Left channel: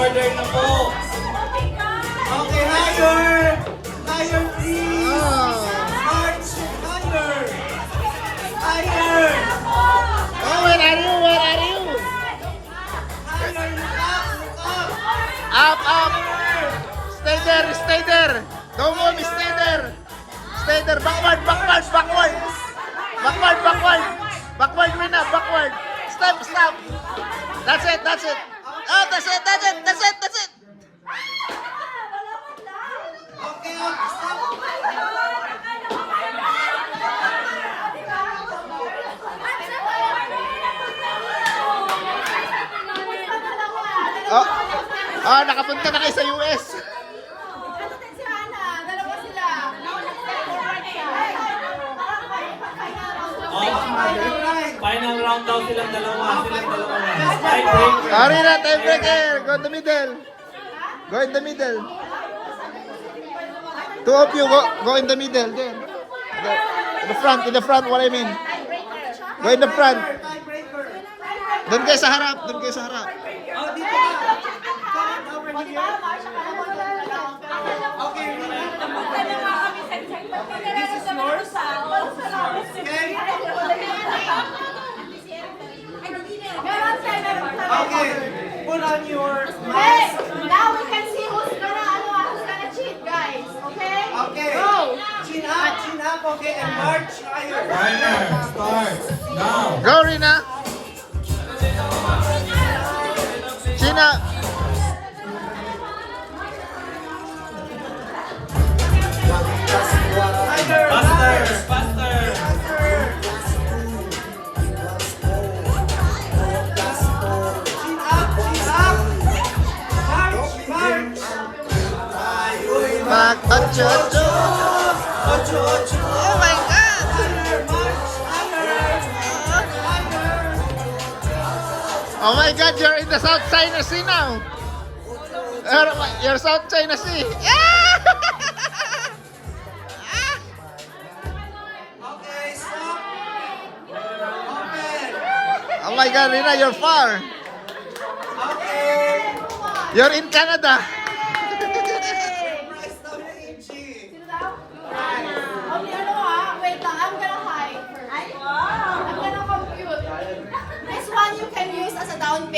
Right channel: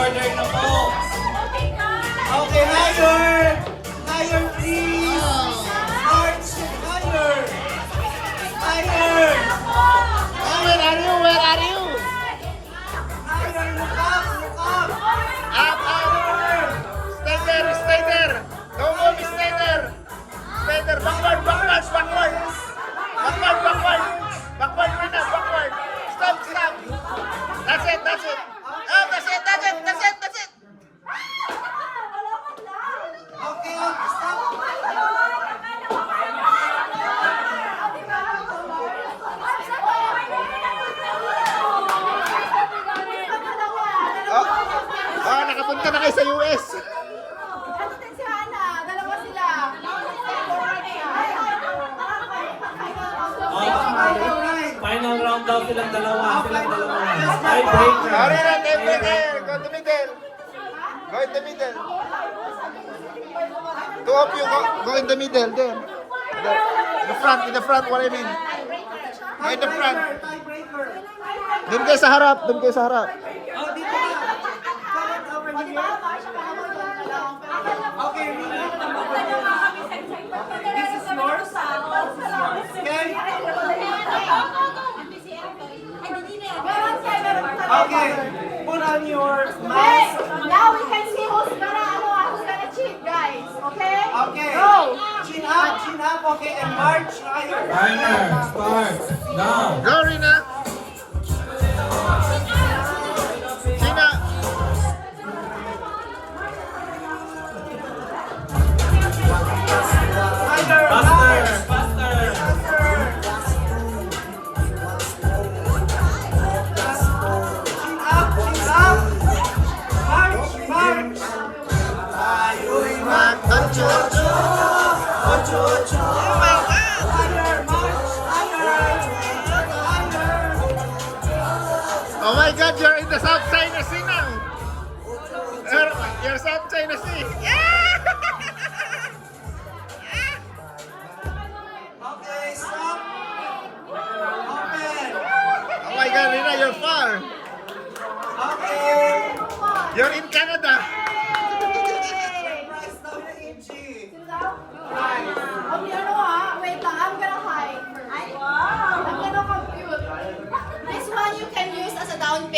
Order na po. Okay, higher. Higher, please. March, higher. Higher. Oh, where are you? Where are you? Higher, look up, look up. Up, up. Stay there, stay there. Don't move, stay there. Stay there. Backward, backward, backward. Backward, backward. Backward, Rina, backward. Stop, stop. That's it, that's it. Oh, that's it, that's it, that's it, that's it. Okay, okay, stop. Oh, oh, nakapunta na kayo sa US. Ano din si Hana? Dalawa sila. Final round daw silang dalawa. Silang dalawa lang. Tiebreaker. Sorry na, tiebreaker. Go in the middle. Go in the middle. Two of you, go in the middle. There. In the front, what I mean. Go in the front. Tiebreaker. Doon kayo sa harap, doon kayo sa harap. Oh, dito ka. Comment over here. Okay, Rina. This is yours. Okay. Okay. Put on your Hey, mask. now we can see who's gonna cheat, guys. Okay? Okay. Go. Chin up, okay, and march higher. Timer starts now. Go, Rina. Gina. Higher, Faster, march. faster. Chin up. March, march. Ayoy, Mag-ocho. ocho. Oh my God. Higher, march, higher. Oh my God, you're in the South China Sea now. You're South China Sea. Yeah! Okay, stop. Open. Oh my God, Rina, you're far. Okay. You're in Canada. Surprise daw na Inchi. Okay, wait lang. I'm gonna hide first. I'm gonna compute. This one you can use as a down payment.